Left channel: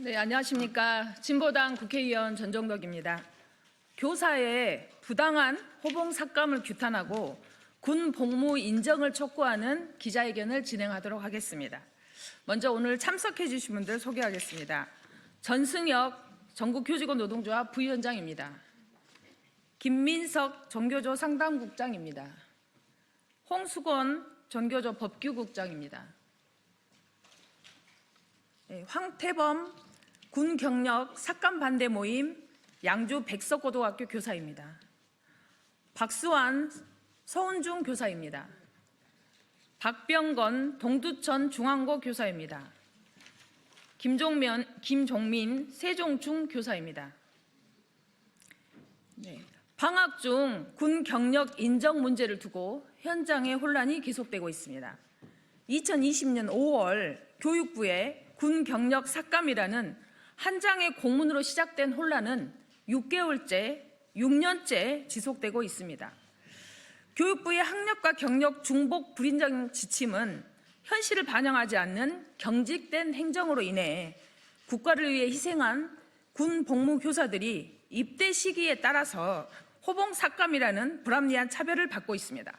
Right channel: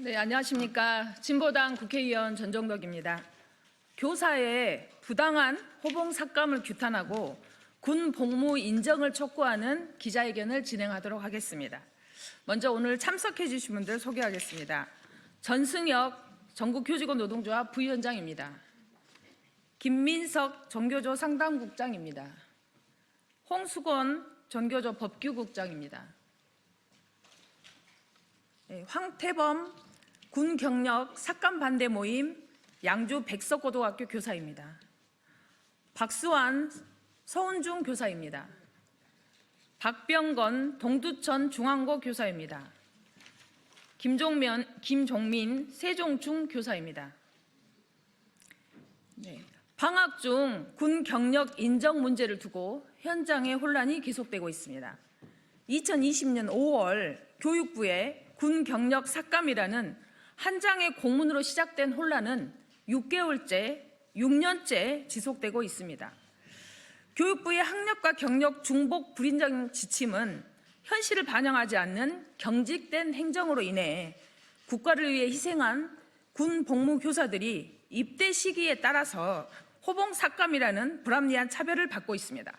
네, 안녕하십니까. 진보당 국회의원 전정덕입니다. 교사의 부당한 호봉 삭감을 규탄하고 군 복무 인정을 촉구하는 기자회견을 진행하도록 하겠습니다. 먼저 오늘 참석해 주신 분들 소개하겠습니다. 전승혁 전국교직원노동조합 부위원장입니다. 김민석 전교조 상담국장입니다. 홍수건 전교조 법규국장입니다. 황태범 군경력 삭감 반대 모임 양주 백석고등학교 교사입니다. 박수환 서운중 교사입니다. 박병건 동두천 중앙고 교사입니다. 김종민 세종중 교사입니다. 방학 중 군 경력 인정 문제를 두고 현장의 혼란이 계속되고 있습니다. 2020년 5월 교육부의 군 경력 삭감이라는 한 장의 공문으로 시작된 혼란은 6년째 지속되고 있습니다. 교육부의 학력과 경력 중복 불인정 지침은 현실을 반영하지 않는 경직된 행정으로 인해 국가를 위해 희생한 군 복무 교사들이 입대 시기에 따라서 호봉 삭감이라는 불합리한 차별을 받고 있습니다.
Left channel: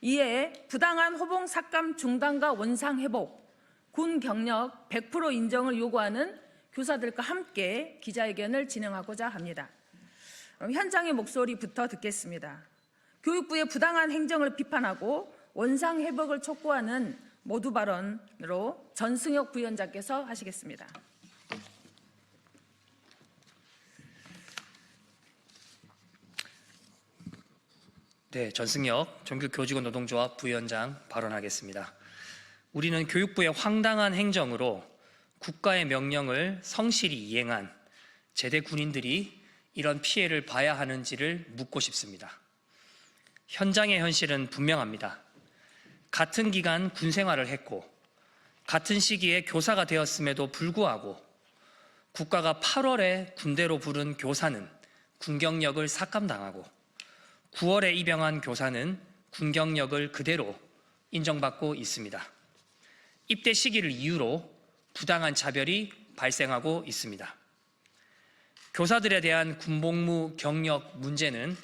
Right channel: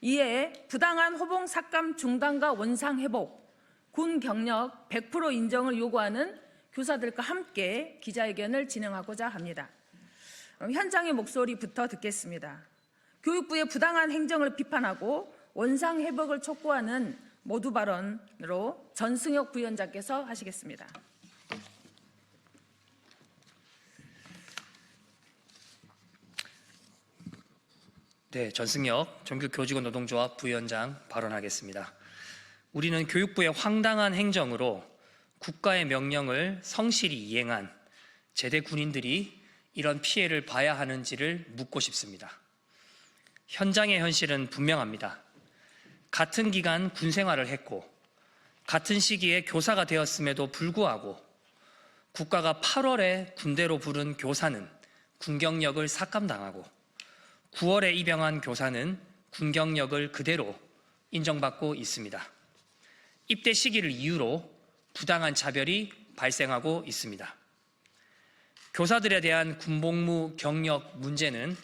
이에 부당한 호봉 삭감 중단과 원상 회복, 군 경력 100% 인정을 요구하는 교사들과 함께 기자회견을 진행하고자 합니다. 현장의 목소리부터 듣겠습니다. 교육부의 부당한 행정을 비판하고 원상 회복을 촉구하는 모두 발언으로 전승혁 부위원장께서 하시겠습니다. 네, 전승혁 전국교직원노동조합 부위원장 발언하겠습니다. 우리는 교육부의 황당한 행정으로 국가의 명령을 성실히 이행한 제대 군인들이 이런 피해를 봐야 하는지를 묻고 싶습니다. 현장의 현실은 분명합니다. 같은 기간 군 생활을 했고 같은 시기에 교사가 되었음에도 불구하고 국가가 8월에 군대로 부른 교사는 군경력을 삭감당하고 9월에 입영한 교사는 군경력을 그대로 인정받고 있습니다. 입대 시기를 이유로 부당한 차별이 발생하고 있습니다. 교사들에 대한 군복무 경력 문제는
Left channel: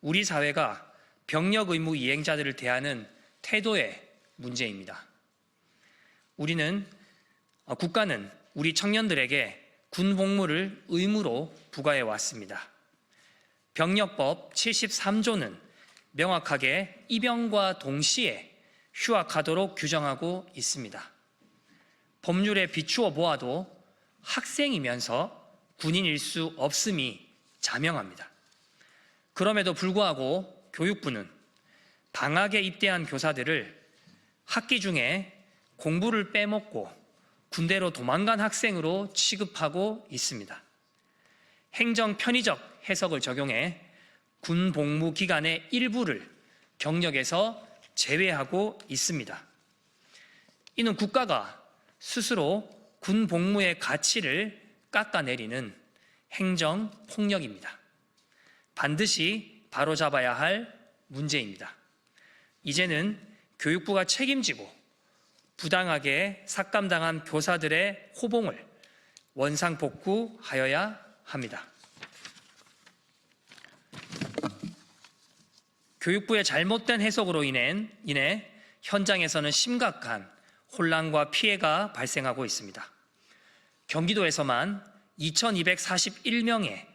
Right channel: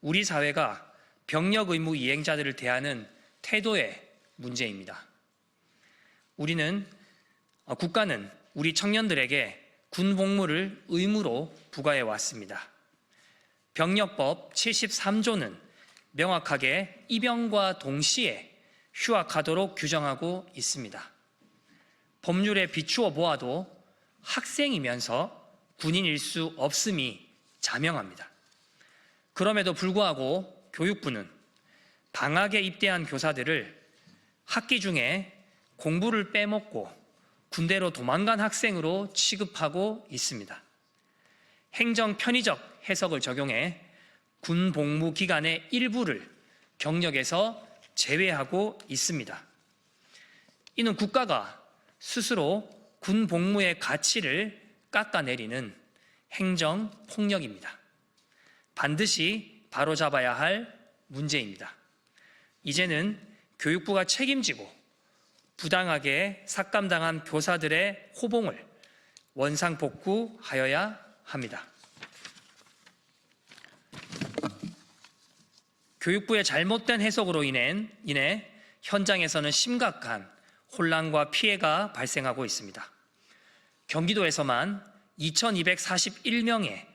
우리 사회가 병력 의무 이행자들을 대하는 태도의 문제입니다. 국가는 우리 청년들에게 군복무를 의무로 부과해 왔습니다. 병력법 73조는 명확하게 입영과 동시에 휴학하도록 규정하고 있습니다. 법률에 비추어 보아도 학생이면서 군인일 수 없음이 자명합니다. 그럼에도 불구하고 교육부는 방학에 입대한 교사들을 학기 중에 공부를 빼먹고 군대로 도망간 학생으로 취급하고 있습니다. 행정 편의적 해석을 적용해 군 복무 기간의 일부를 경력에서 제외하고 있습니다. 이는 국가가 스스로 군 복무의 가치를 깎아내리는 행정 폭력입니다. 반드시 바로잡아야 할 문제입니다. 이제는 교육부가 책임지고 부당하게 삭감당한 교사들의 호봉을 원상복구하여야 합니다. 교육부의 잘못된 해석으로 인해 현장에서는 심각한 혼란과 피해가 발생하고 있습니다. 경기도에서만 2,241명의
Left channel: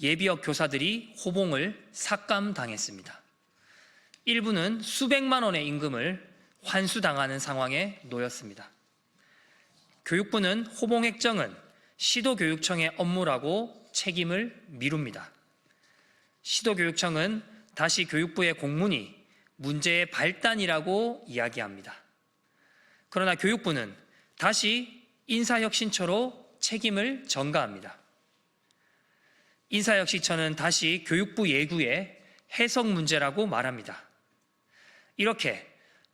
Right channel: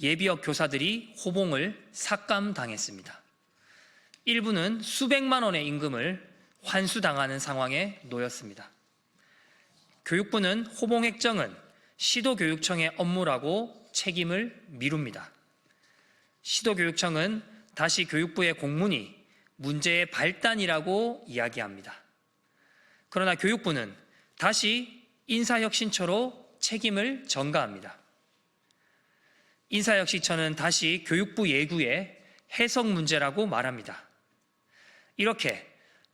예비역 교사들이 호봉을 삭감당했습니다. 일부는 수백만 원의 임금을 환수당하는 상황에 놓였습니다. 교육부는 호봉 획정은 시도교육청의 업무라고 책임을 미룹니다. 시도교육청은 다시 교육부의 공문이 문제의 발단이라고 이야기합니다. 그러나 교육부는 다시 인사혁신처로 책임을 전가합니다. 인사혁신처는 다시 교육부 예구의 해석 문제라고 말합니다. 이렇게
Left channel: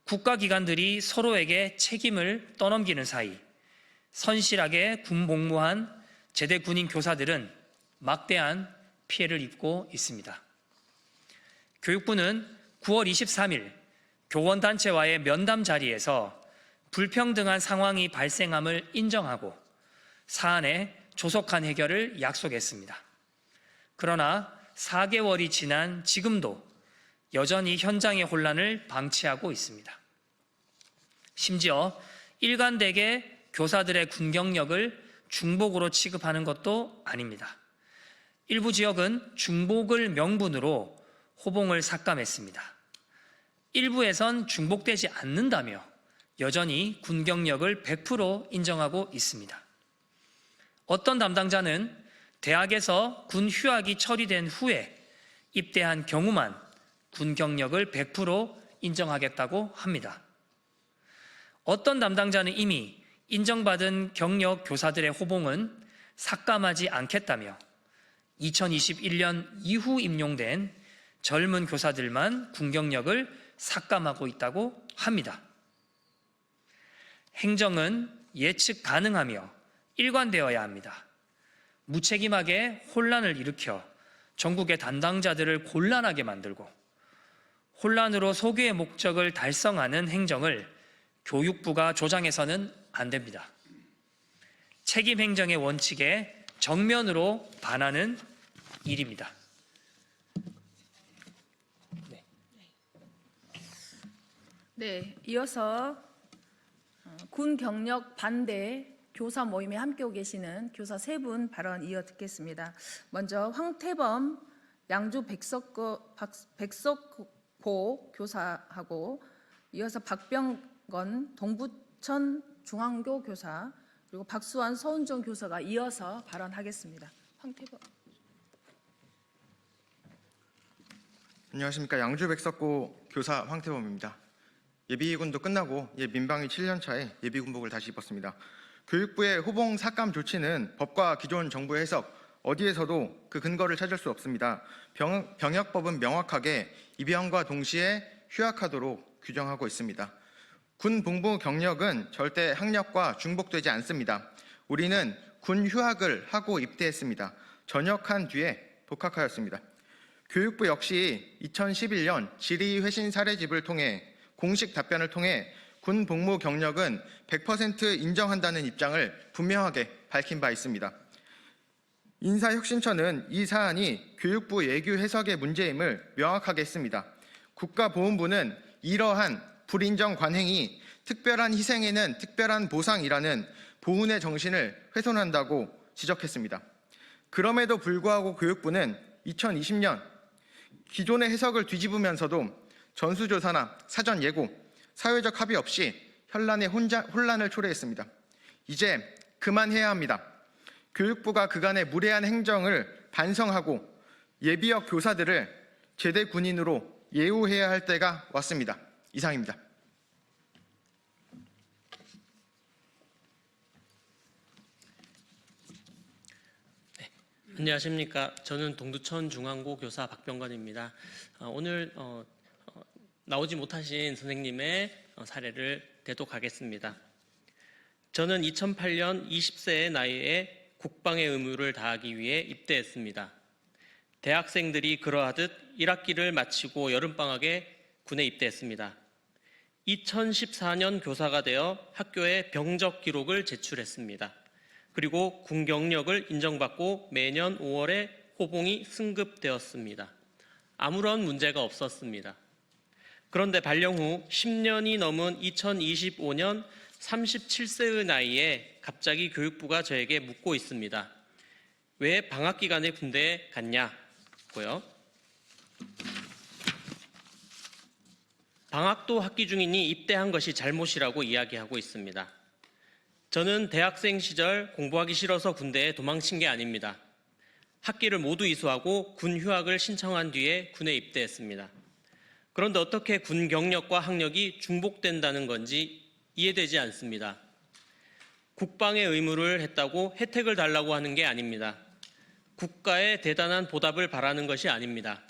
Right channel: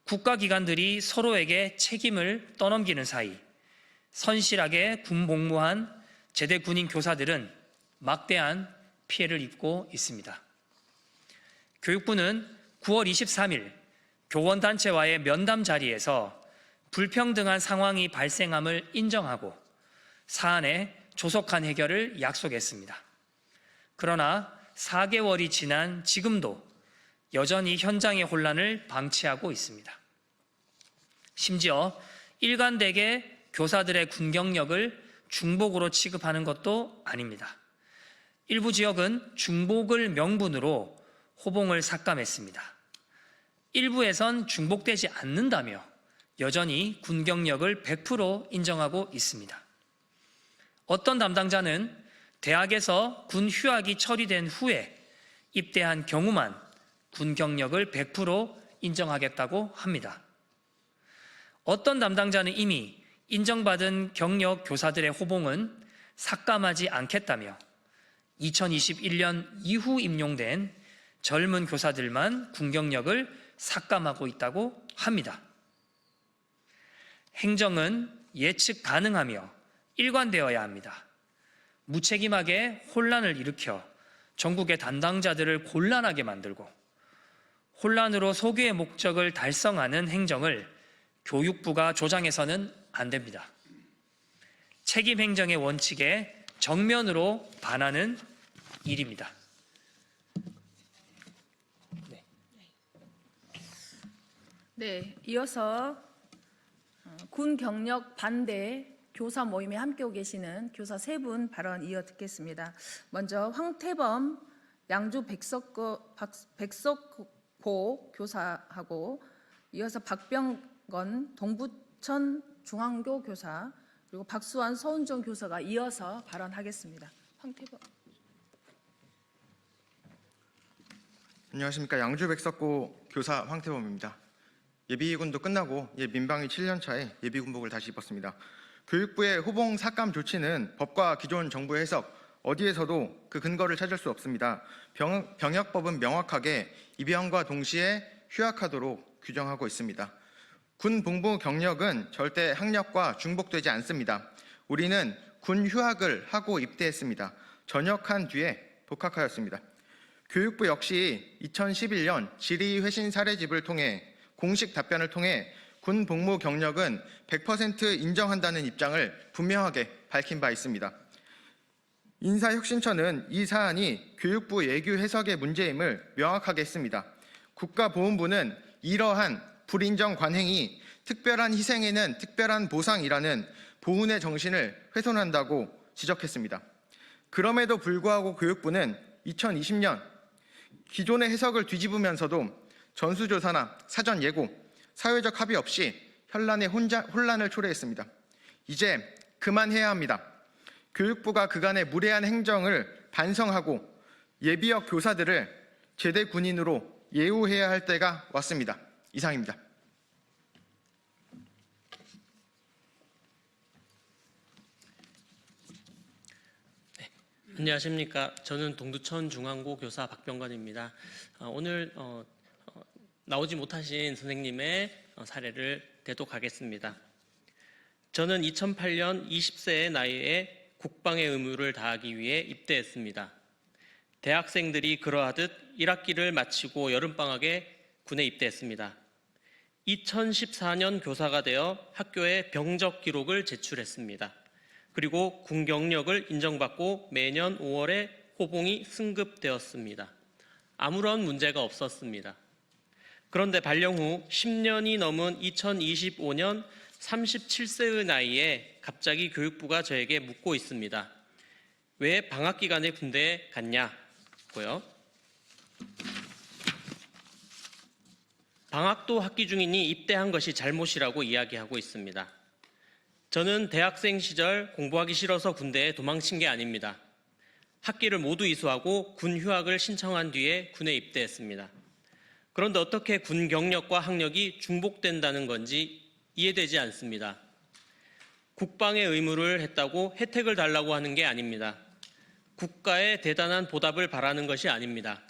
국가기관들이 서로에게 책임을 떠넘기는 사이 선실하게 군복무한 제대 군인 교사들은 막대한 피해를 입고 있습니다. 교육부는 9월 23일 교원단체와의 면담 자리에서 불평등한 상황이 발생함을 인정하고 사안의 조속한 해결을 약속했습니다. 그러나 4개월이 지난 지금도 여전히 현장의 혼란을 방치하고 있습니다. 심지어 일관되게 교사들의 군 경력을 중복으로 취급하는 것도 아닙니다. 일부 지역은 중복을 명분으로 호봉을 삭감했습니다. 일부에선 중복되지 않는다며 여전히 군 경력을 100% 인정하고 있습니다. 어떤 담당자는 대학에서 군 휴학이 처리된 후에 입대한 경우만 군 경력을 100% 인정하겠다고 합니다. 어떤 담당자는 이미 인정받은 경력 교사들의 호봉은 삭감하지 않겠다며 2021년 이후 임용된 젊은 교사들만 군 경력을 삭감하고 있다고 합니다. 행정은 예측 가능하며 일관되어야 합니다. 무책임하게 혼란을 일으켜 전국의 담당자들을 곤란하게 만들고 혼란으로 소교의 목적을 달성하는 행정을 교육부가 조장해서는 안 됩니다. 책임 행정의 원칙에 정면으로 반하는 일입니다. 네, 이어서 군 경력 반대 교사 모임에 함께하고 계시는 교사 세 분 발언 이어 듣겠습니다. 먼저 황태범 양주 백석고 교사하고 이어서 박병건 동부천 중앙교 교사 그리고 박수환 서운정 교사가 이어서 발언하겠습니다. 황태범. 안녕하십니까. 양주 백석고 교사 황태범입니다. 예비군도 끝나고 민방위 7년 차에 예비군복을 다시 입었습니다. 교육부의 호봉 삭감 조치는 법과 기존 정부의 해석 어디에서도 그 근거를 찾을 수 없습니다. 병역법은 명확하게 입양과 동시에 휴학하도록 규정하고 있습니다. 군 복무 경력은 절대 학력과 중복되지 않습니다. 우리는 군 휴학을 하고 입대했습니다. 전역한 뒤에 복학하였습니다. 교육부 역시 2011년 질의회신 사례집을 통해 공식 답변을 통해 군 복무 경력은 100% 인정한다는 입장을 분명하게 밝힌 바 있습니다. 인사혁신처는 이 사안이 교육부 예규 해석의 문제임을 명확하게 했습니다. 국가보훈부는 이러한 불인정 관행이 특별한 희생에는 특별한 보상이라는 보훈의 정신을 훼손한다고 지적했습니다. 그럼에도 불구하고 교육부는 2020년 기존의 해석을 뒤집으면서도 전수조사나 사전 예고, 사회적 합의 없이 현란의 혼란을 초래했습니다. 이제 그만해야 합니다. 교육부가 그간의 무례한 행정을 반성하고 예비역 교사들을 제대 군인으로 예우해야 할 때가 왔습니다. 이상입니다. 안녕하십니까. 저는 동두천 중앙고 교사 박병건입니다. 오늘 나오지 못하신 선생님의 사례를 대독하겠습니다. 저는 2008년 20세의 나이에 국방의 의무를 다하기 위해 입대했습니다. 대학생들이 그러하듯 1학기를 마치고 여름방학에 군에 입대했습니다. 2014년 교사가 되어 학교에 병적 기록을 제출했습니다. 그리고 군 경력을 인정받고 매년 5월에 호봉이 승급되었습니다. 아무런 문제가 없었습니다. 그런데 발령 후 10년이 넘은 2025년 37세의 나이에 갑자기 교육부가 저에게 묻고 있습니다. 왜 방학 기간에 군대에 갔냐고요. 방학도 학기 중이니 입대한 것이 잘못이라고 이야기하고 있습니다. 저는 대학생 시절 공부하기 싫어서 군대에 도망친 게 아닙니다. 학기를 모두 이수하고 군 휴학을 신청한 뒤에 군에 입대했습니다. 그런데 어떻게 군 경력과 학력이 중복된다는 건지 이해되지 않습니다. 국방의 의무를 했다고 혜택을 달라고 하는 게 아닙니다. 국가의 대단한 보답을 바라는 것이 아닙니다.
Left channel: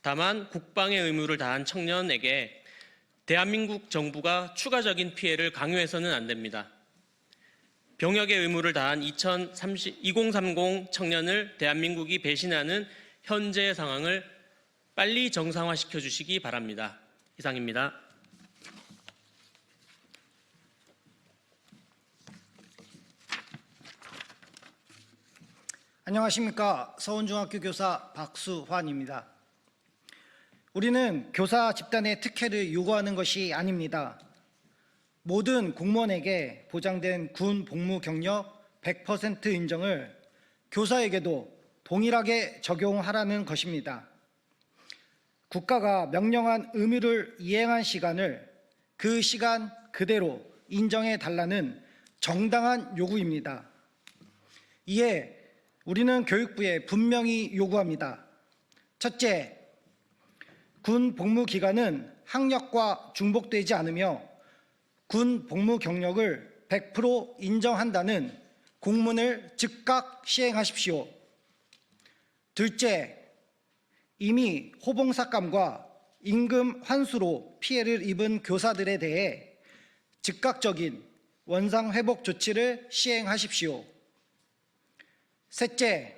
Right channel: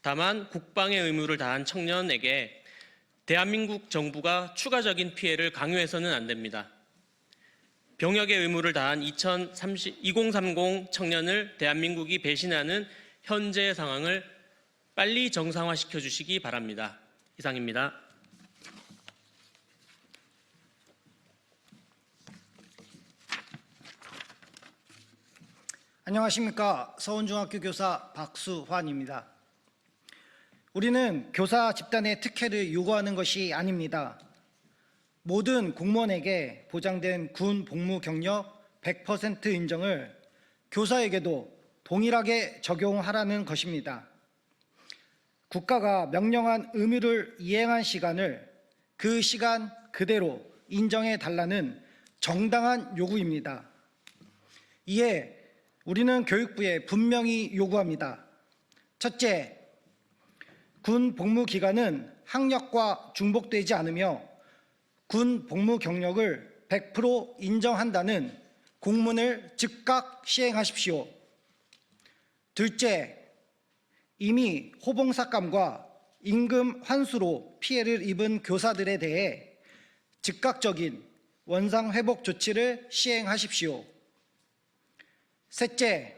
다만 국방의 의무를 다한 청년에게 대한민국 정부가 추가적인 피해를 강요해서는 안 됩니다. 병역의 의무를 다한 2030 청년을 대한민국이 배신하는 현재 상황을 빨리 정상화시켜 주시기 바랍니다. 이상입니다. 안녕하십니까. 서원중학교 교사 박수환입니다. 우리는 교사 집단의 특혜를 요구하는 것이 아닙니다. 모든 공무원에게 보장된 군 복무 경력 100% 인정을 교사에게도 동일하게 적용하라는 것입니다. 국가가 명령한 의무를 이행한 시간을 그 시간 그대로 인정해 달라는 정당한 요구입니다. 이에 우리는 교육부에 분명히 요구합니다. 첫째, 군 복무 기간은 학력과 중복되지 않으며 군 복무 경력을 100% 인정한다는 공문을 즉각 시행하십시오. 둘째, 이미 호봉삭감과 임금 환수로 피해를 입은 교사들에 대해 즉각적인 원상회복 조치를 시행하십시오. 셋째,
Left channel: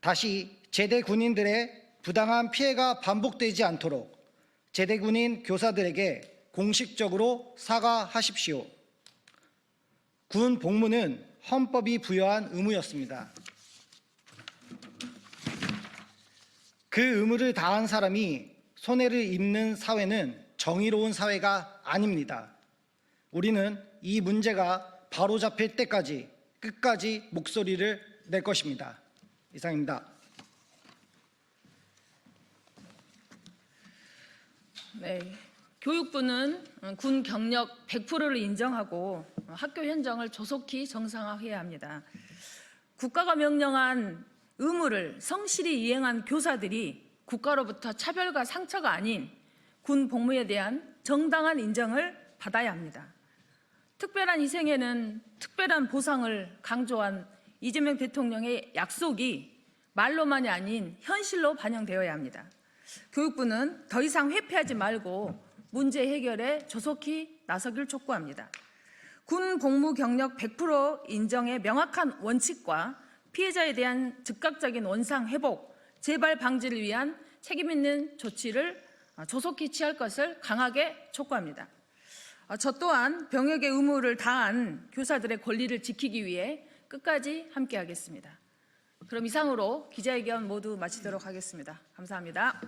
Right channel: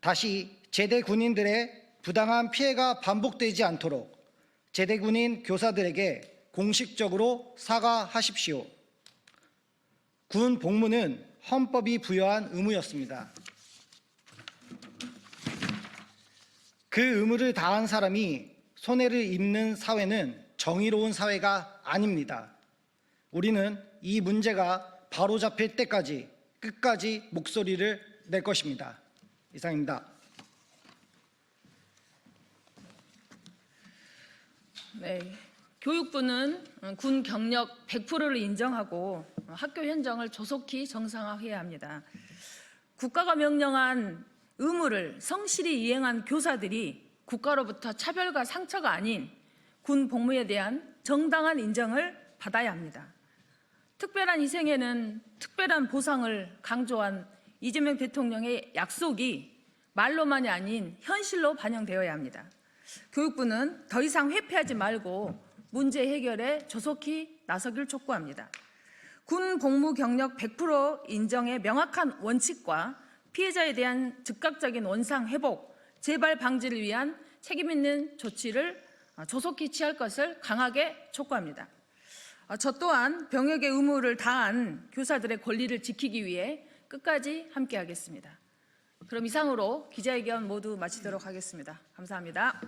다시 제대 군인들의 부당한 피해가 반복되지 않도록 제대 군인 교사들에게 공식적으로 사과하십시오. 군 복무는 헌법이 부여한 의무였습니다. 그 의무를 다한 사람이 손해를 입는 사회는 정의로운 사회가 아닙니다. 우리는 이 문제가 바로잡힐 때까지 끝까지 목소리를 낼 것입니다. 이상입니다. 네, 교육부는 군 경력 100%를 인정하고 학교 현장을 조속히 정상화해야 합니다. 국가가 명령한 의무를 성실히 이행한 교사들이 국가로부터 차별과 상처가 아닌 군 복무에 대한 정당한 인정을 받아야 합니다. 특별한 희생에는 특별한 보상을 강조한 이재명 대통령의 약속이 말로만이 아닌 현실로 반영되어야 합니다. 교육부는 더 이상 회피하지 말고 문제 해결에 조속히 나서길 촉구합니다. 군 복무 경력 100% 인정의 명확한 원칙과 피해자에 대한 즉각적인 원상 회복, 재발 방지를 위한 책임 있는 조치를 조속히 취할 것을 강하게 촉구합니다. 저 또한 병역의 의무를 다한 교사들의 권리를 지키기 위해 끝까지 함께하겠습니다. 그럼 이상으로 기자회견 모두 마치도록 하겠습니다. 감사합니다.